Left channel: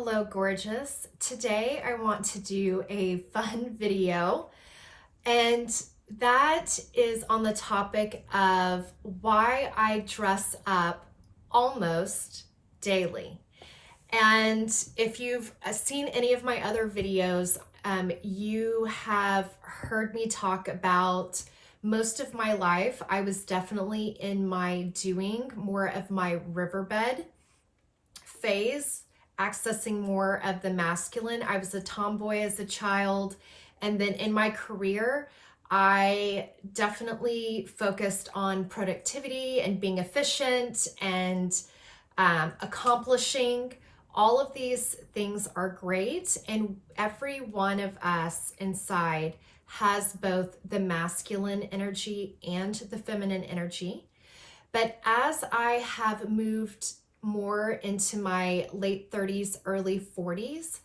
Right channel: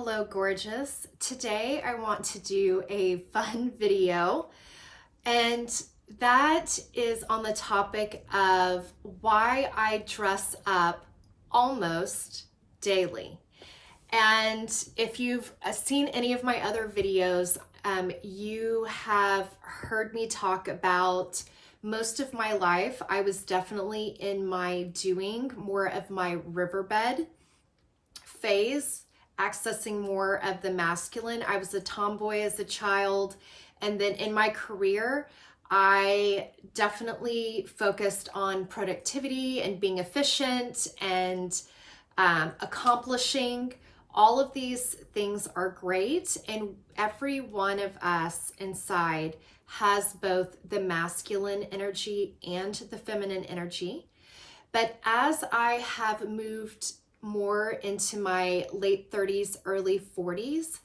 Hello, gorgeous. Today I want to do a fun video, and that is on the topic of why I dress up almost daily. And if you've seen any of my other videos, you have heard me talk about most of my life. I was definitely in my doing more of my riverbed phase, accessing more of the masculine. I was a tomboy as a child. And then in my career, I definitely focused on productivity and being efficient and accomplishing. All of these things are great. And every one of us inside has both the masculine energy and the feminine energy. But as I have moved more into my late 30s, early 40s,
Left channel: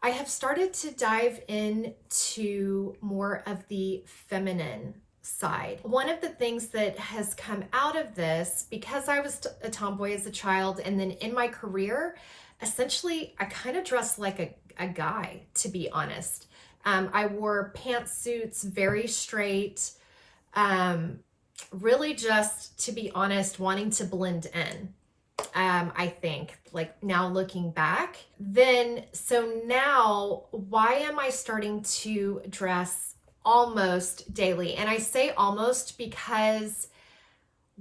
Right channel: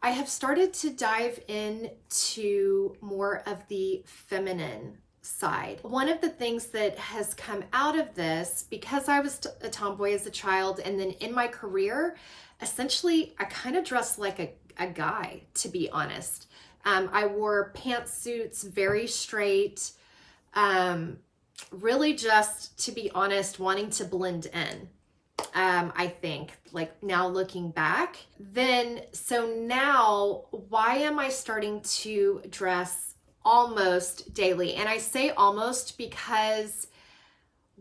I have started to dive into more of the feminine side. One of the things that has come out of this, because I was a tomboy as a child, and then in my career, essentially, I kind of dressed like a guy, to be honest. I wore pantsuits, very straight, really just, to be honest, wanting to blend in. I think, like now looking back, so now why am I starting to dress almost daily? And I say almost because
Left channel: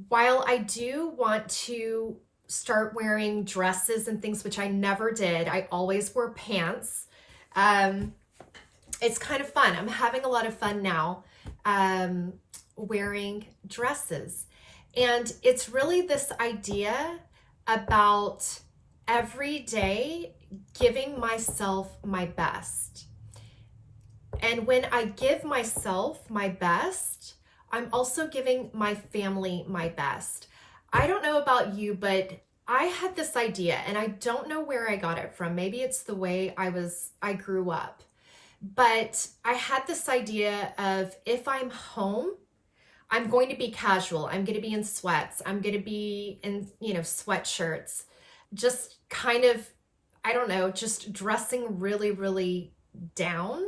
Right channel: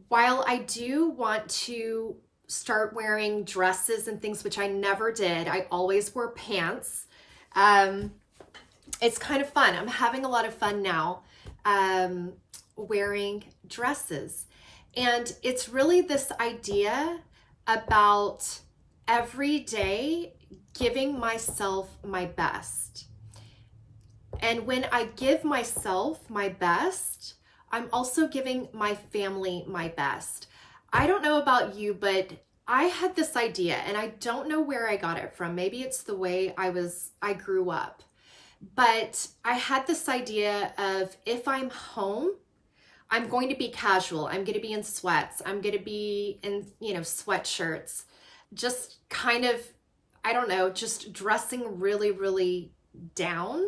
while I do want to start wearing dresses and things, which I never did, I always wore pants. It's kind of fun. I'm having a lot of fun now wearing dresses. And it's really this idea about every day giving myself my best. And when I give myself my best, I'm also giving my family my best. I don't know about you, but I had this idea, and I don't know where I got it from. Maybe it's the way I grew up. But I had this idea of, if I'm home, I'm going to be casual. I'm going to be in sweats. I'm going to be in, sweatshirts, just kind of, I don't know, just dressing really, really down.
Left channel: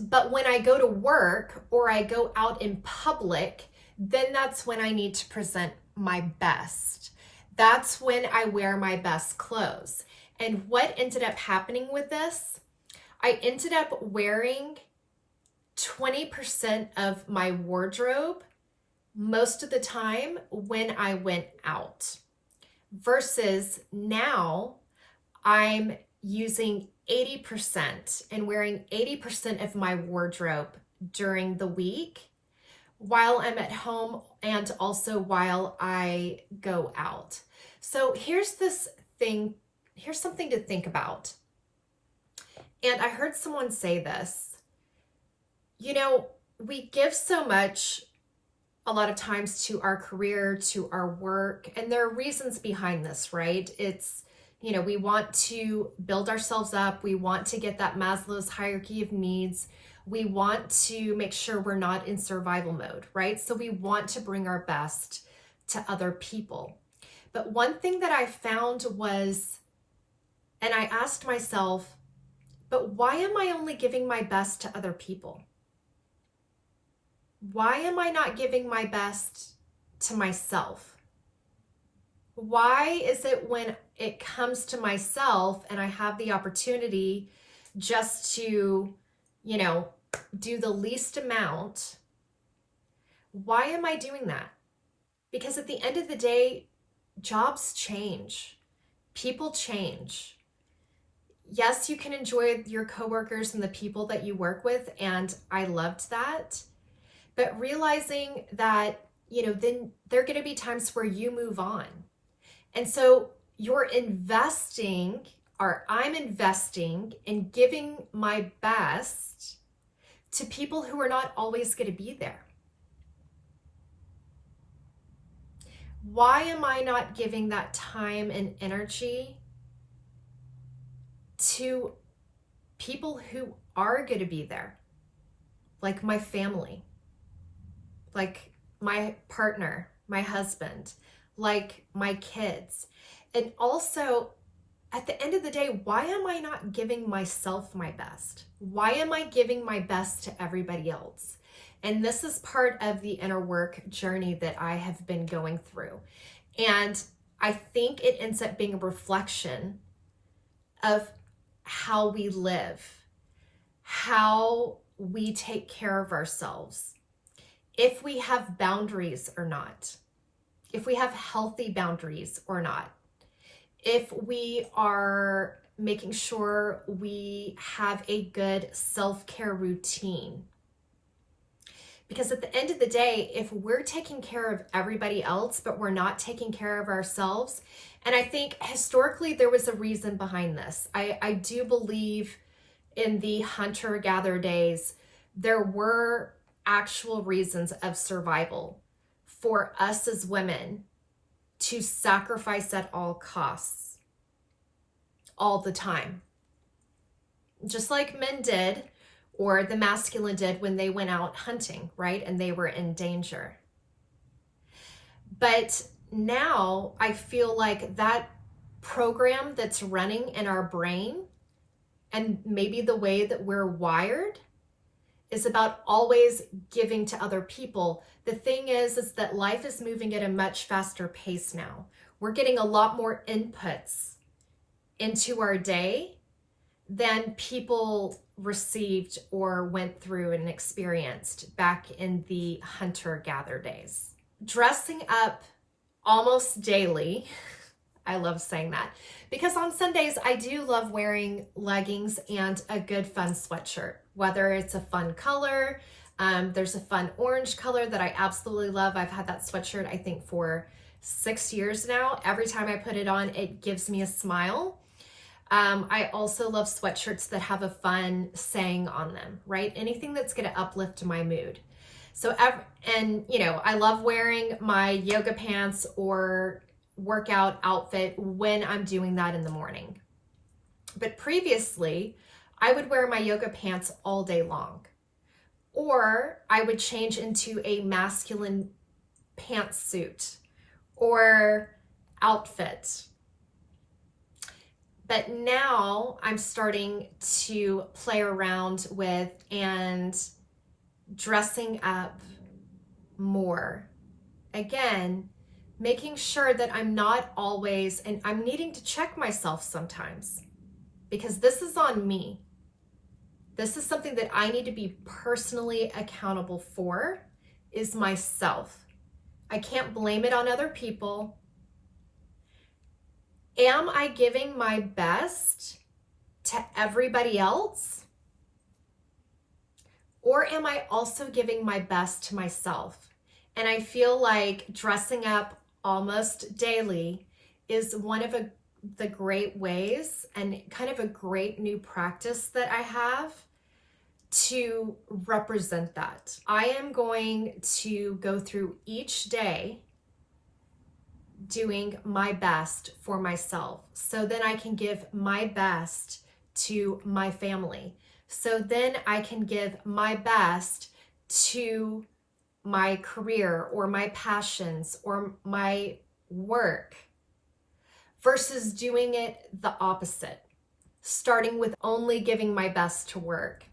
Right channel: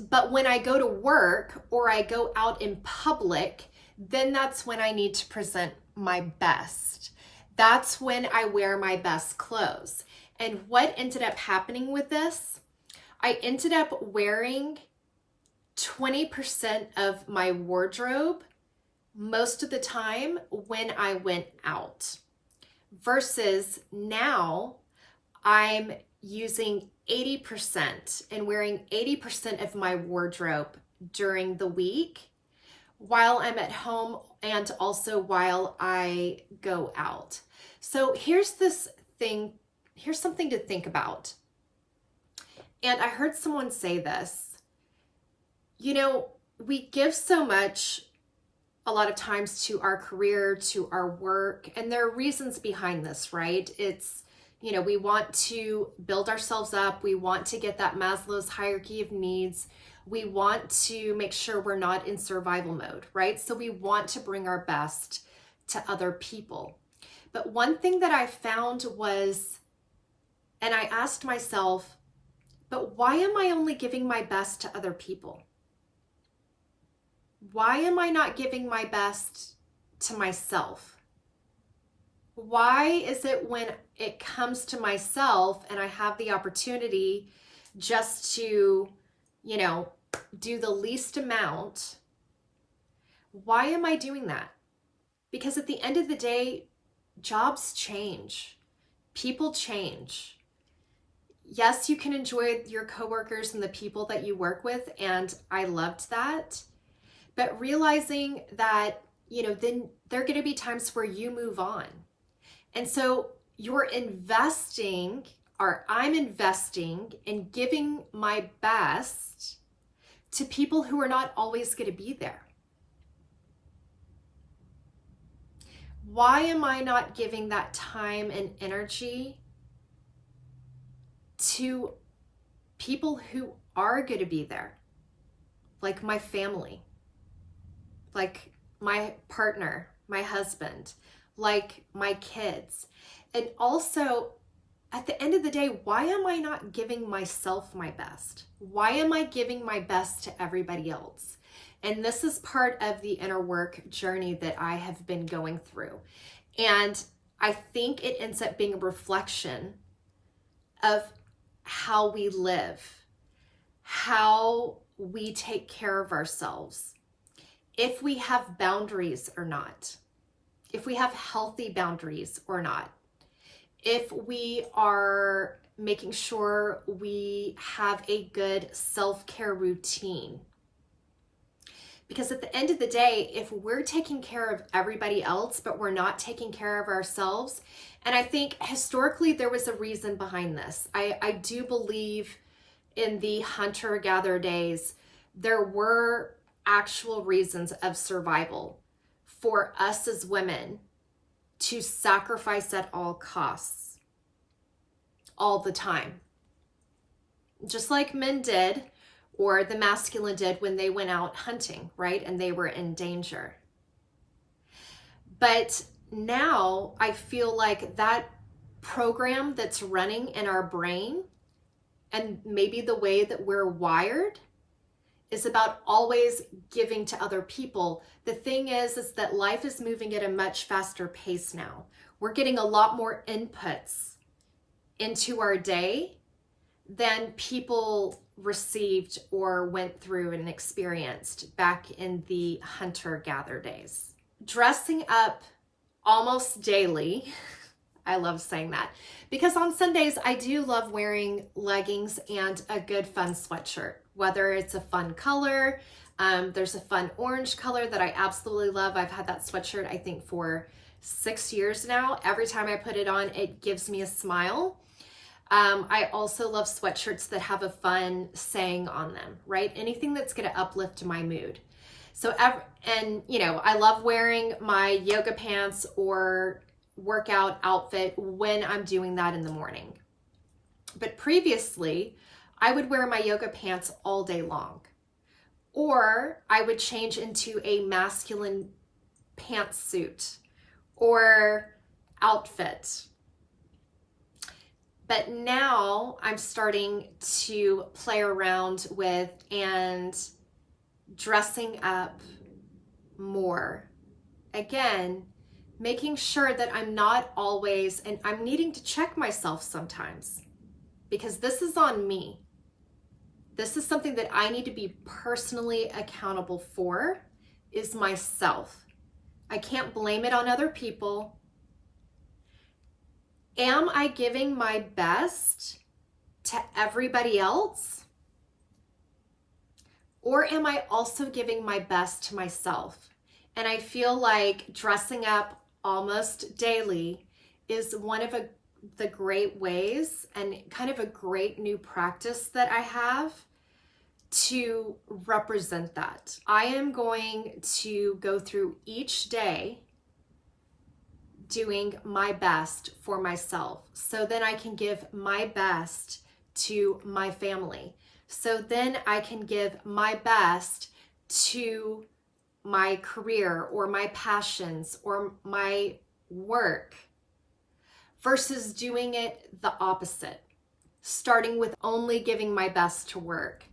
But when I go to work or I go out in public, then that's when I need to present my best. That's when I wear my best clothes. And what ended up happening with this, I ended up wearing 20% of my wardrobe most of the time when I went out, versus now I'm using 80% and wearing 80% of my wardrobe during the week while I'm at home and also while I go out. So here's something to think about. And I heard someone say this. We give so much a lot of times to our career, to our work, and there are reasons behind this, right? It's, we want to build ourselves up. We want to get that Maslow's hierarchy of needs. We want to make sure we're not in survival mode, right? So we want to bring our best to other people. But one thing that I found was, and I asked myself, but why am I only giving my best to other people? Why am I not giving my best to myself? Why is it when it comes to myself and I have the opportunity just to, do the least amount, why am I doing that? Because at the end of the day, jobs change. People change. Yes, you can enjoy your coworkers and the people that you work with, and I loved that. But realizing that, then there are going to be times where you move on. And so I'm investing in giving my best to people who are not always going to be there. Why am I not giving that time and energy to people who are going to be there? Like my family, like my partner, my husband, like my kids. And also, at the end of the day, why am I not giving myself my best? Why am I giving my best to everybody else? And this is part of the inner work journey that I have been going through. And I think it ends up being a reflection of how we live, how we take care of ourselves, if we have boundaries or not, if we have healthy boundaries or not, if we are making sure we have a good self-care routine. Because at the end of the day, if we're taking care of everybody else, but we're not taking care of ourselves, and I think historically there was a reason behind this. I do believe in the hunter-gatherer days, there were actual reasons of survival for us as women to sacrifice at all costs, all the time. Just like men did, or the masculine did when they went out hunting, right? And they were in danger. But now I feel like that program that's running in our brain, and maybe the way that we're wired, is about always giving to other people. The thing is that life is moving at a much faster pace now. We're getting a lot more inputs into our day than people received or went through and experienced back in the hunter-gatherer days. Dressing up almost daily, I love saying that, because on Sundays I do love wearing leggings and a good fun sweatshirt, whether it's a fun color. There's a fun orange color that I absolutely love. I've had that sweatshirt I think for 6 years now. Every time I put it on, it gives me a smile. I also love sweatshirts that have a fun saying on them, right? Anything that's going to uplift my mood. So, and you know, I love wearing my yoga pants or workout outfit when I'm doing that in the morning. But previously, I would wear my yoga pants all day long, or I would change into a masculine pantsuit or outfit. But now I'm starting to play around with and dressing up more. Again, making sure that I'm not always, and I'm needing to check myself sometimes, because this is on me. This is something that I need to be personally accountable for, is myself. I can't blame it on other people. Am I giving my best to everybody else? Or am I also giving my best to myself? And I feel like dressing up almost daily is one of the great ways, and kind of a great new practice that I have to represent that. I am going to go through each day doing my best for myself, so then I can give my best to my family. So then I can give my best to my career or my passions or my work, versus doing it the opposite, starting with only giving my best to work.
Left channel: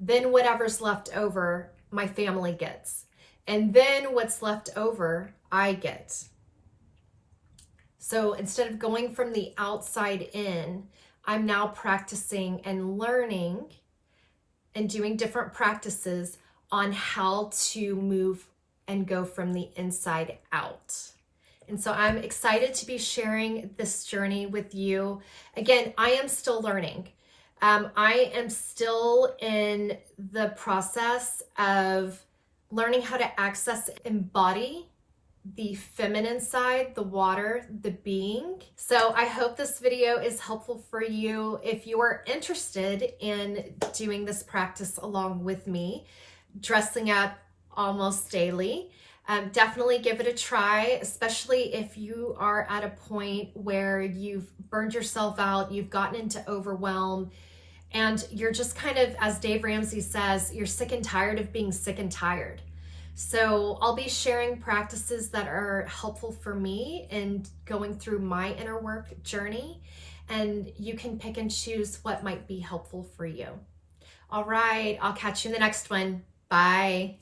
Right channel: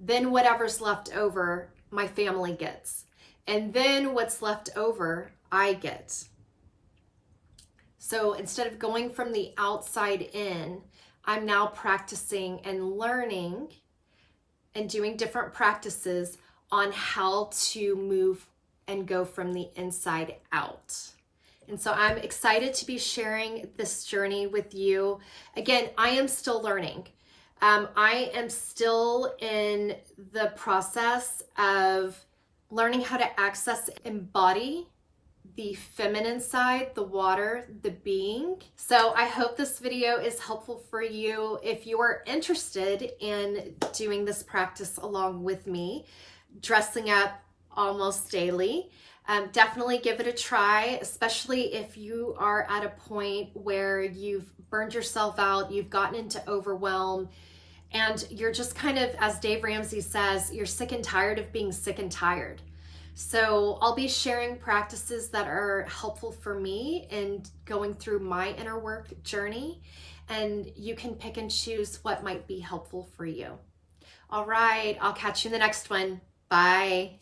Then whatever's left over, my family gets. And then what's left over, I get. So instead of going from the outside in, I'm now practicing and learning and doing different practices on how to move and go from the inside out. And so I'm excited to be sharing this journey with you. Again, I am still learning. I am still in the process of learning how to access and embody the feminine side, the water, the being. So I hope this video is helpful for you. If you are interested in doing this practice along with me, dressing up almost daily, definitely give it a try, especially if you are at a point where you've burned yourself out, you've gotten into overwhelm, and you're just kind of, as Dave Ramsey says, you're sick and tired of being sick and tired. So I'll be sharing practices that are helpful for me in going through my inner work journey. and you can pick and choose what might be helpful for you. All right, I'll catch you in the next one. Bye.